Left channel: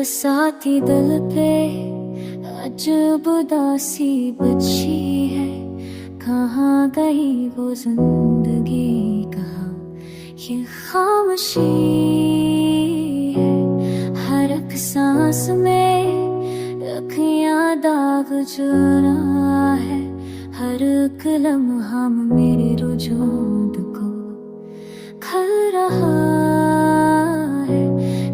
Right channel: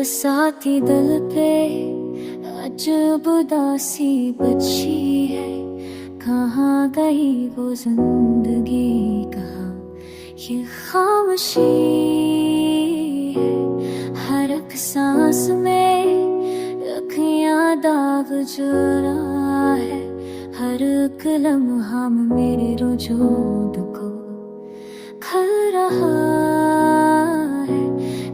बसाती दिल पे अजब उदासी बची है। कहाँ गई वो जिंदगी, कहाँ ये खामोशी है। हर एक सांस में अखियाँ दाग जुड़ा है। हर एक लम्हा मेरे वजूद को खल रहा है।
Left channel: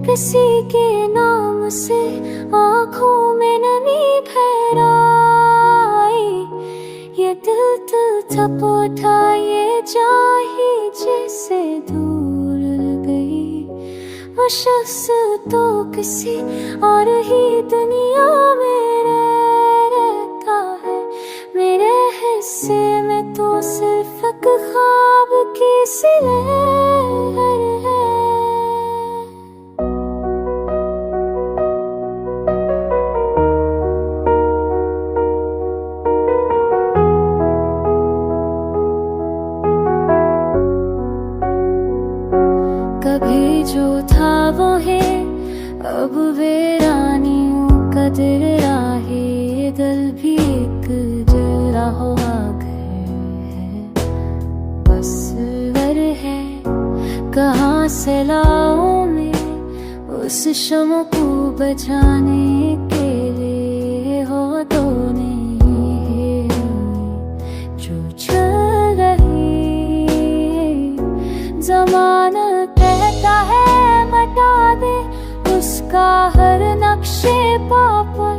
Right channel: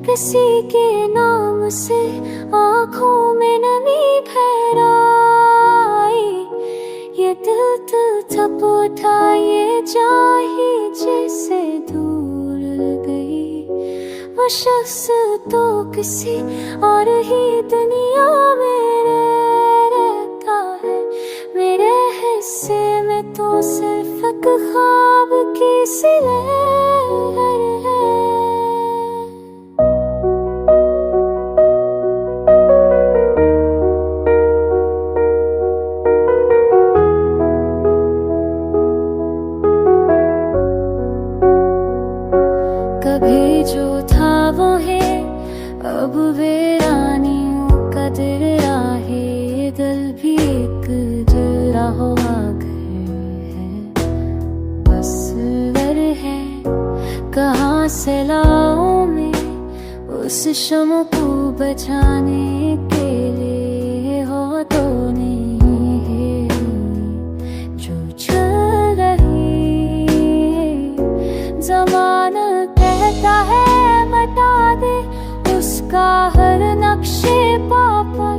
किसी के नाम से आँखों में नमी ठहराई। ये दिल थप उठा, ये चाही जैसे दूर गई। वो शख्स तो किसी और ही दुनिया में रहता है। मेरे हिस्से में तो सिर्फ एक ख्वाब की सी लहर है। कभी जो था वो है, अब वीरानियों का दिल राहे। दिल भी एक जला हुआ घर है, बस घर है। कहाँ से लाऊं मैं उस शम्म को बचाने के लिए। हो तो नहीं है जो चल रही। जमाना कहता है मिटा दे उसका हर नक्शे पापल।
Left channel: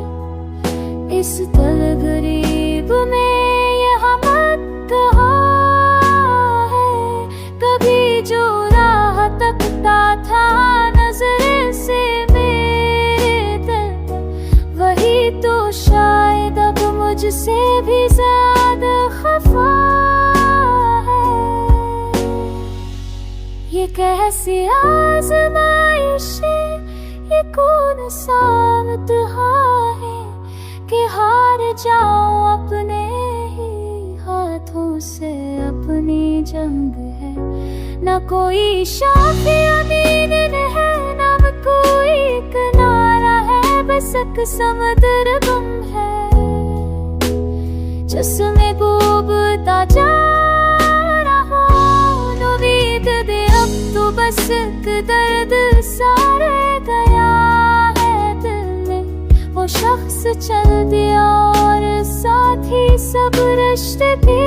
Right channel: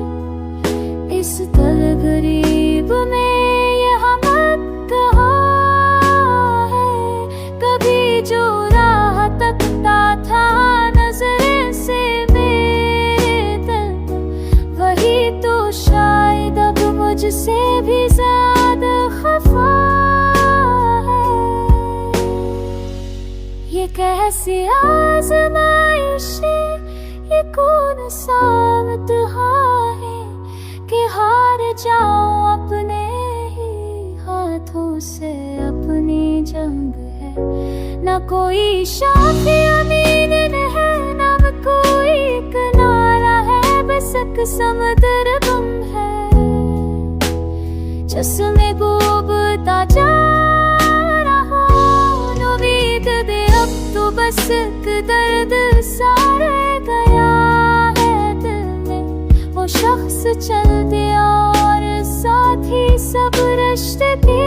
इस दिल गरीब में यहाँ मत कहा है। कभी जो राह तकता था नजरे से मेरे दिल पर, वही तो शायद अब मुझसे भी ज्यादा खफा है। ये कैसी आज़माइश है, ये कौन सा इम्तिहान है कि हार जाओ अपने ही हाथों से। अपनी जंग है, न कोई शाफी अमीन है, न कोई किनारा है। बस एक समुद्र गुम है जिसमें डूबता जा रहा। उम्मीद दे अब तो बस एक दर्द सा रह गया है दिल में। वो शख्स चल दिया और साथ ही सब रिश्ते भी